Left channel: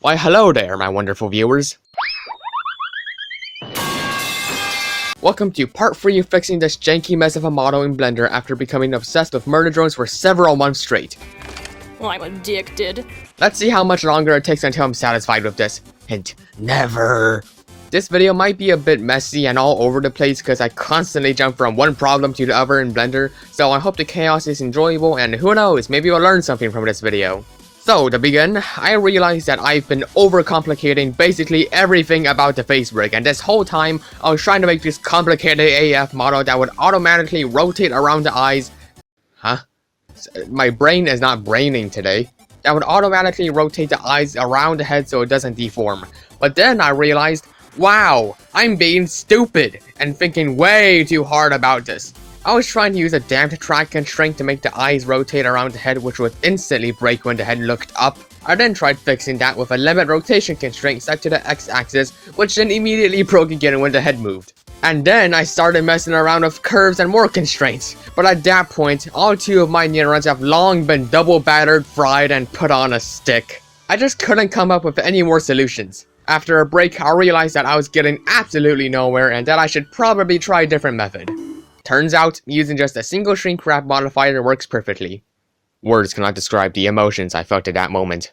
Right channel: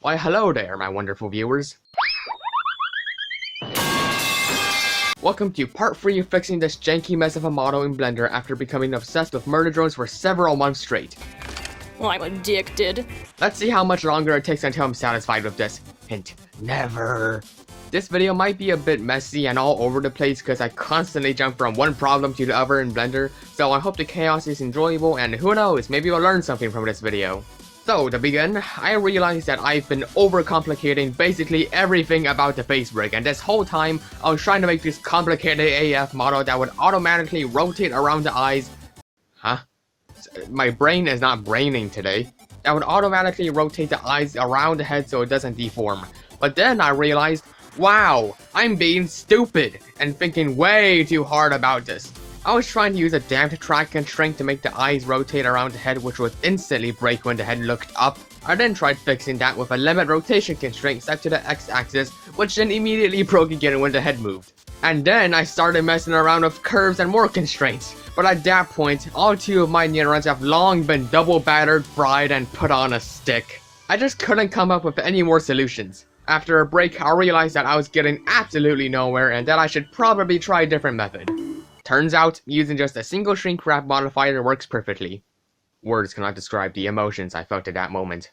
Why hello there, my wonderful viewers. Welcome to part 3 of fixing this janky mess of a model in Blender after becoming obsessed with murder drones for several months straight. I'm addicted. Let's see how much longer it takes until I'm satisfied with this. Hint, never. This video might be a bit messy and all over the place because I constantly jump from one problem to the other in Blender, so I hope the chaos is enjoyable and who knows, maybe you'll learn something from this video. So, to begin, I realized that I've been overcomplicating basically everything about the face rig, and this whole time, I was trying to make this complicated AF model that would automatically rotate around the eyes. Huh? My brain is not braining today. That would automatically rotate the eyes around the head so it doesn't deform. But then I realized, wow, I'm being stupid and thinking way too hard about this. I was trying to use a damped track constraint to make the eyes rotate around the head, which would instantly break when the head looked up. I then tried fixing that with a limit rotation constraint set to the x-axis, which then immediately broke again when the head moved. And then I started messing around with curves and more constraints, but at that point, all two of my neurons have long been double battered, fried, and put on a stick. I just couldn't come up with any more solutions. After a break, I realized that I was getting absolutely nowhere and that I should probably try a different method. Turns out, using just a single shrink wrap modifier works perfectly. Words cannot describe the emotions I felt at that moment.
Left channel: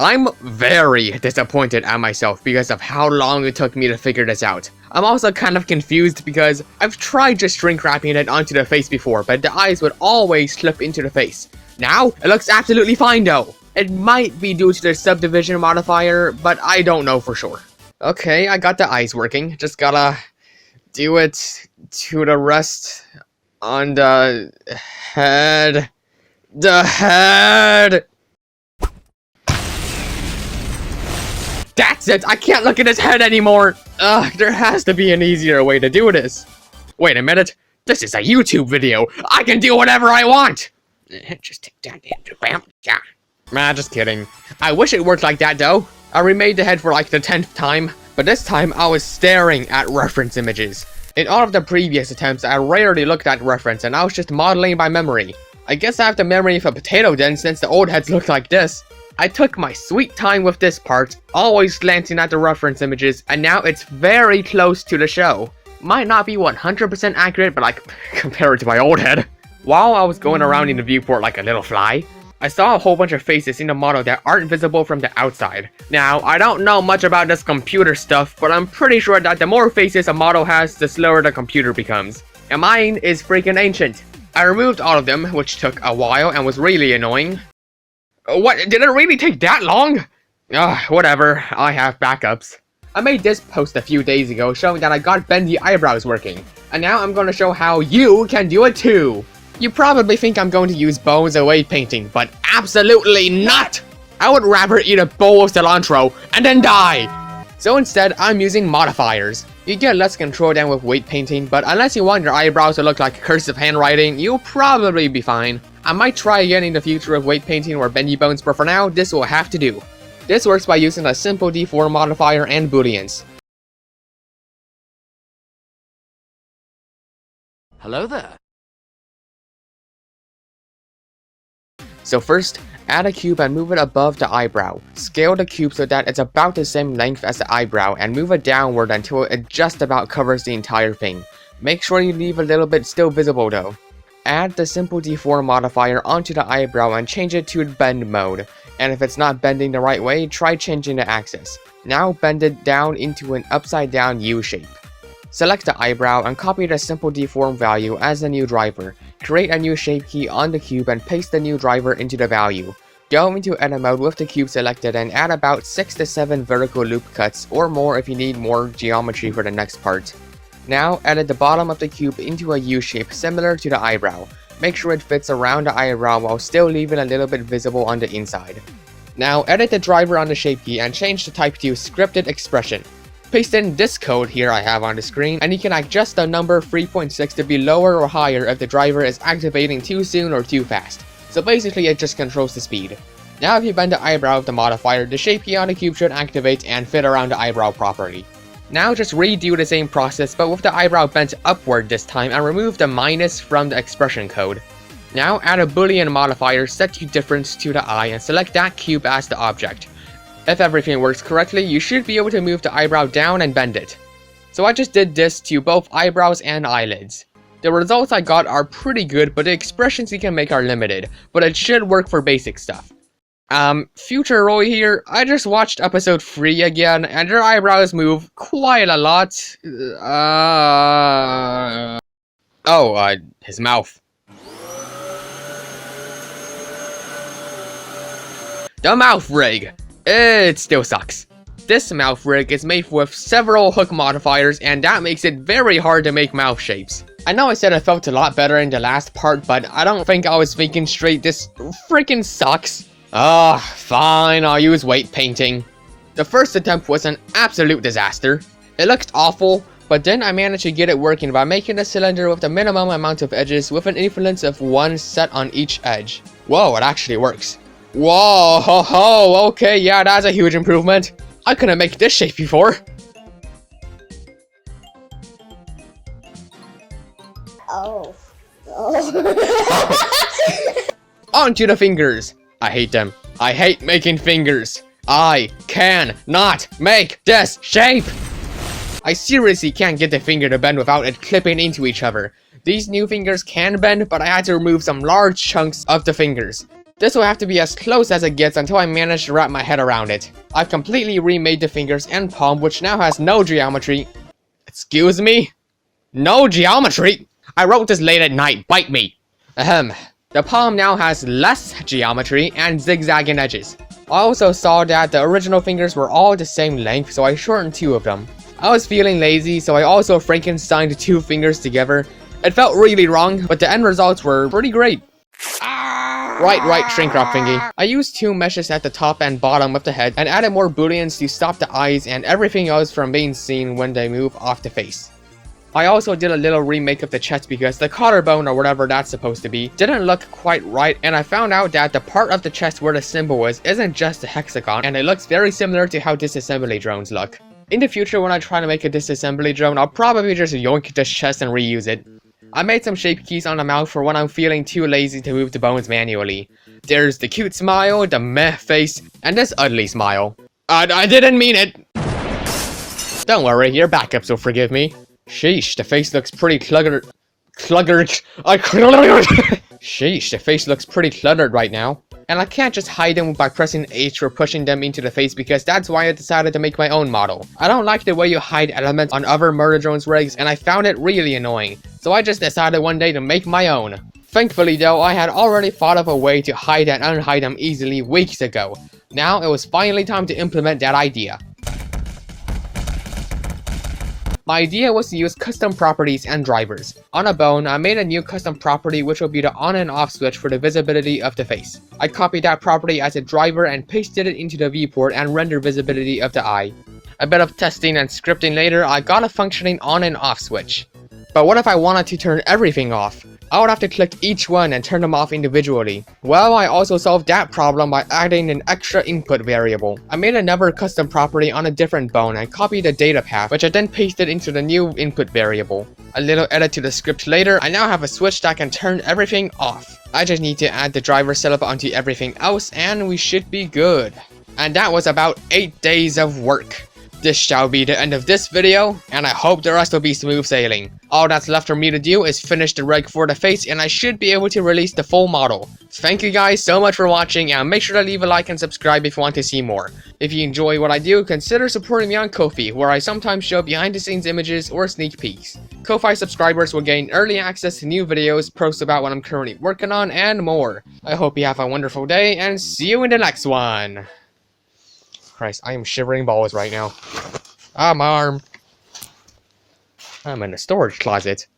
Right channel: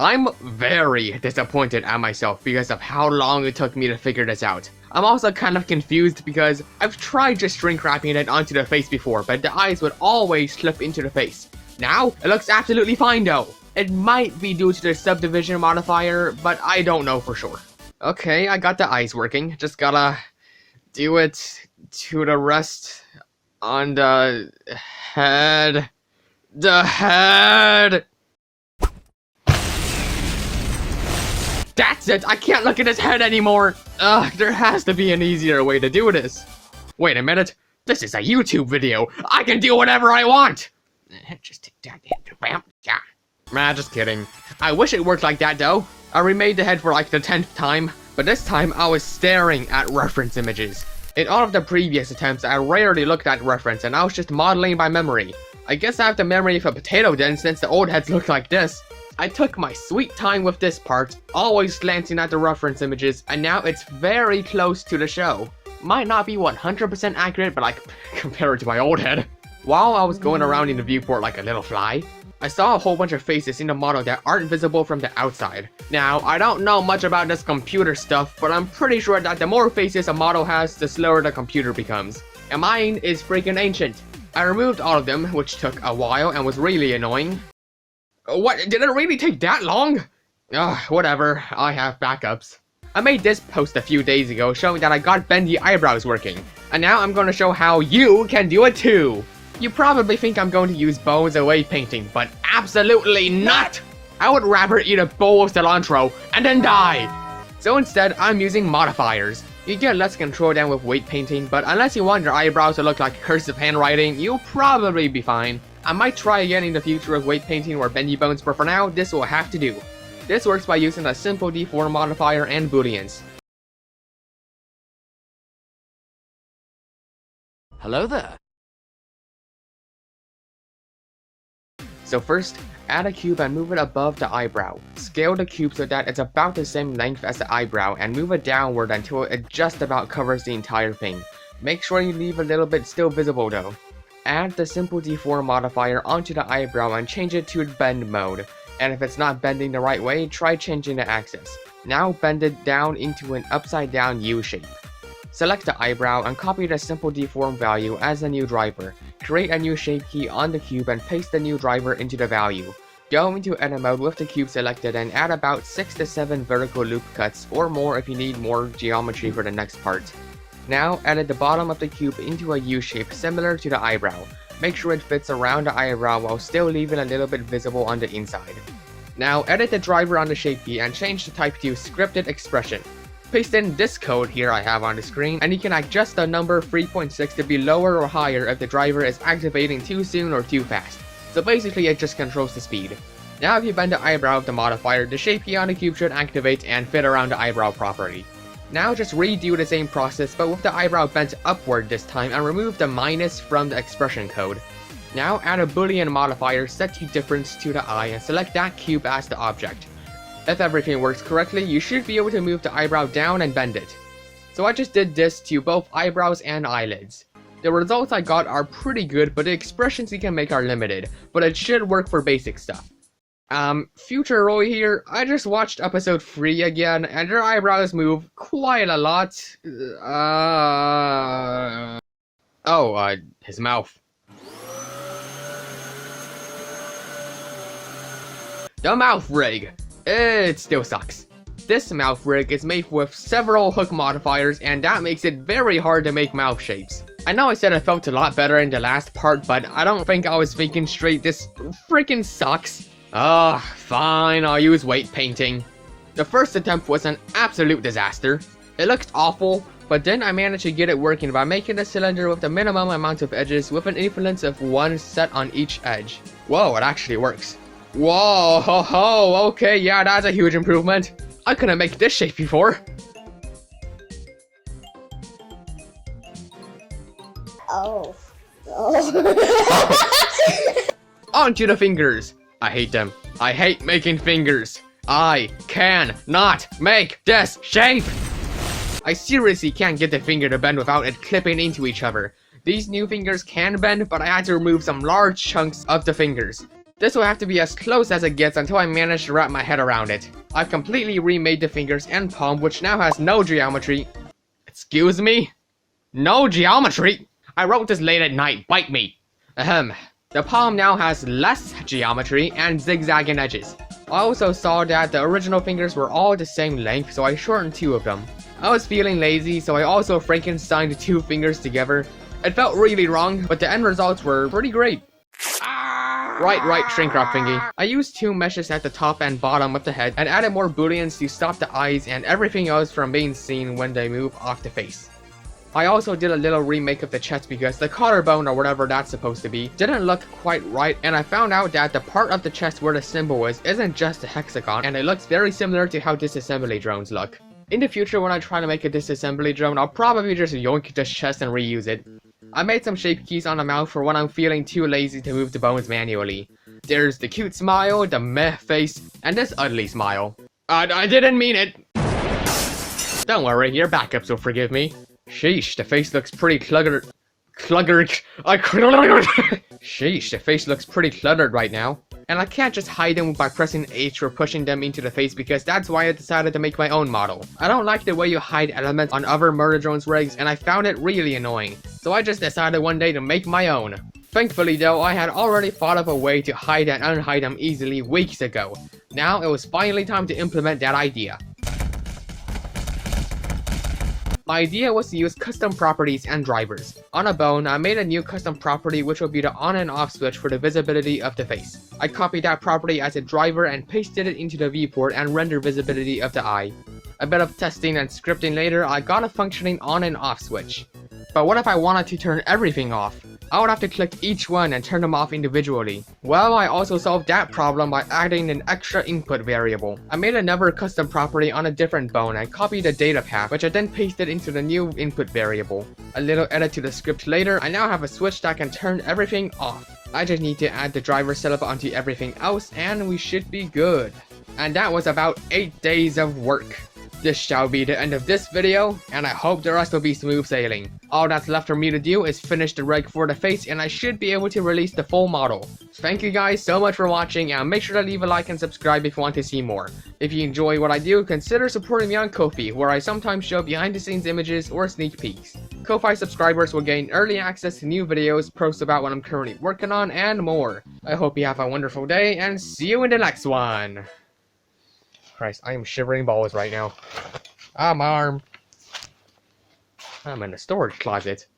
I'm very disappointed at myself because of how long it took me to figure this out. I'm also kind of confused because I've tried just shrink wrapping it onto the face before, but the eyes would always slip into the face. Now, it looks absolutely fine though. It might be due to the subdivision modifier, but I don't know for sure. Okay, I got the eyes working, just gotta do it to the rest on the head. The head! That's it! I can't look at his head anymore! Ugh, there has to be an easier way to do this. Wait a minute, this is a YouTube video! I can do whatever I want! Just take that in, bam, yeah. Nah, just kidding. I wish it worked like that though. I remade the head for like the 10th time, but this time I was staring at reference images. In all of the previous attempts, I rarely looked at reference and I was just modeling by memory. I guess I have the memory of a potato then since the old heads look like this. I took my sweet time with this part, always glancing at the reference images, and now it's very close to the show. Might not be 100% accurate, but like, compared to my old head. While I was going around in the viewport like a little fly, I saw a whole bunch of faces in the model that aren't visible from the outside. Now, I don't know much about this computer stuff, but I'm pretty sure that the more faces a model has, the slower the computer becomes. And mine is freaking ancient. I removed all of them, which took a while and was really annoying. What? Did it really take that long? Whatever, I have backups. I made this post a few days ago showing that I got Bendy eyebrows working. And now I'm gonna show how you can do it too. You probably think I'm going to use bones away painting, but absolutely not! I would rather eat a bowl of cilantro and then die! So instead, I'm using modifiers. You get less control than with weight painting, but unless you want your eyebrows to look like cursive handwriting, you'll probably be fine. I might try again in the future with weight painting or bendy bones, but for now, this will have to do. This works by using a simple deform modifier and booleans. Hello there. So first, add a cube and move it above the eyebrow. Scale the cube so that it's about the same length as the eyebrow and move it downward until it just about covers the entire thing. Make sure you leave a little bit still visible though. Add the simple deform modifier onto the eyebrow and change it to bend mode. And if it's not bending the right way, try changing the axis. Now bend it down into an upside down U shape. Select the eyebrow and copy the simple deform value as the new driver. Create a new shape key on the cube and paste the new driver into the value. Go into edit mode with the cube selected and add about 6 to 7 vertical loop cuts or more if you need more geometry for the next part. Now edit the bottom of the cube into a U shape similar to the eyebrow. Make sure it fits around the eyebrow while still leaving a little bit visible on the inside. Now edit the driver on the shape key and change the type to scripted expression. Paste in this code here I have on the screen, and you can adjust the number 3.6 to be lower or higher if the driver is activating too soon or too fast. So basically it just controls the speed. Now if you bend the eyebrow of the modifier, the shape key on the cube should activate and fit around the eyebrow properly. Now just redo the same process but with the eyebrow bent upward this time and remove the minus from the expression code. Now add a boolean modifier set to difference to the eye and select that cube as the object. If everything works correctly, you should be able to move the eyebrow down and bend it. So I just did this to both eyebrows and eyelids. The results I got are pretty good, but the expressions you can make are limited, but it should work for basic stuff. Future Roy here, I just watched episode 3 again, and their eyebrows move quite a lot. His mouth. The mouth rig. It still sucks. This mouth rig is made with several hook modifiers, and that makes it very hard to make mouth shapes. I know I said I felt a lot better in the last part, but I don't think I was thinking straight. This freaking sucks. Fine, I'll use weight painting. The first attempt was an absolute disaster. It looked awful, but then I managed to get it working by making a cylinder with the minimum amount of edges with an influence of 1 set on each edge. Whoa, it actually works. Whoa, ho, ho, okay, yeah, that's a huge improvement. I couldn't make this shape before. Oh. On to the fingers. I hate them. I hate making fingers. I can not make this shape. I seriously can't get the finger to bend without it clipping into each other. These new fingers can bend, but I had to remove some large chunks of the fingers. This will have to be as close as it gets until I manage to wrap my head around it. I've completely remade the fingers and palm, which now has no geometry. Excuse me? No geometry? I wrote this late at night, bite me. The palm now has less geometry and zigzagging edges. I also saw that the original fingers were all the same length, so I shortened 2 of them. I was feeling lazy, so I also Frankensteined 2 fingers together. It felt really wrong, but the end results were pretty great. Right, shrink wrap thingy. I used 2 meshes at the top and bottom of the head and added more booleans to stop the eyes and everything else from being seen when they move off the face. I also did a little remake of the chest because the collarbone or whatever that's supposed to be didn't look quite right, and I found out that the part of the chest where the symbol is isn't just a hexagon, and it looks very similar to how disassembly drones look. In the future, when I try to make a disassembly drone, I'll probably just yoink this chest and reuse it. I made some shape keys on the mouth for when I'm feeling too lazy to move the bones manually. There's the cute smile, the meh face, and this ugly smile. I didn't mean it! Don't worry, your backups will forgive me. Sheesh, the face looks pretty cluttered. Sheesh, the face looks pretty cluttered right now. And I can't just hide them by pressing H or pushing them into the face because that's why I decided to make my own model. I don't like the way you hide elements on other murder drones rigs, and I found it really annoying. So I just decided one day to make my own. Thankfully though, I had already thought of a way to hide and unhide them easily weeks ago. Now it was finally time to implement that idea. My idea was to use custom properties and drivers. On a bone, I made a new custom property which will be the on and off switch for the visibility of the face. I copied that property as a driver and pasted it into the viewport and rendered visibility of the eye. A bit of testing and scripting later, I got a functioning on and off switch. But what if I wanted to turn everything off? I would have to click each one and turn them off individually. Well, I also solved that problem by adding an extra input variable. I made another custom property on a different bone and copied the data path, which I then pasted into the new input variable. A little edit to the script later, I now have a switch that can turn everything off. I just need to add the driver setup onto everything else and we should be good. And that was about 8 days of work. This shall be the end of this video, and I hope the rest will be smooth sailing. All that's left for me to do is finish the rig for the face, and I should be able to release the full model. Thank you guys so much for watching, and make sure to leave a like and subscribe if you want to see more. If you enjoy what I do, consider supporting me on Ko-fi, where I sometimes show behind the scenes images or sneak peeks. Ko-fi subscribers will gain early access to new videos, posts about what I'm currently working on, and more. I hope you have a wonderful day, and see you in the next one. Christ, I am shivering balls right now. Ah, my arm. I'm in a storage closet.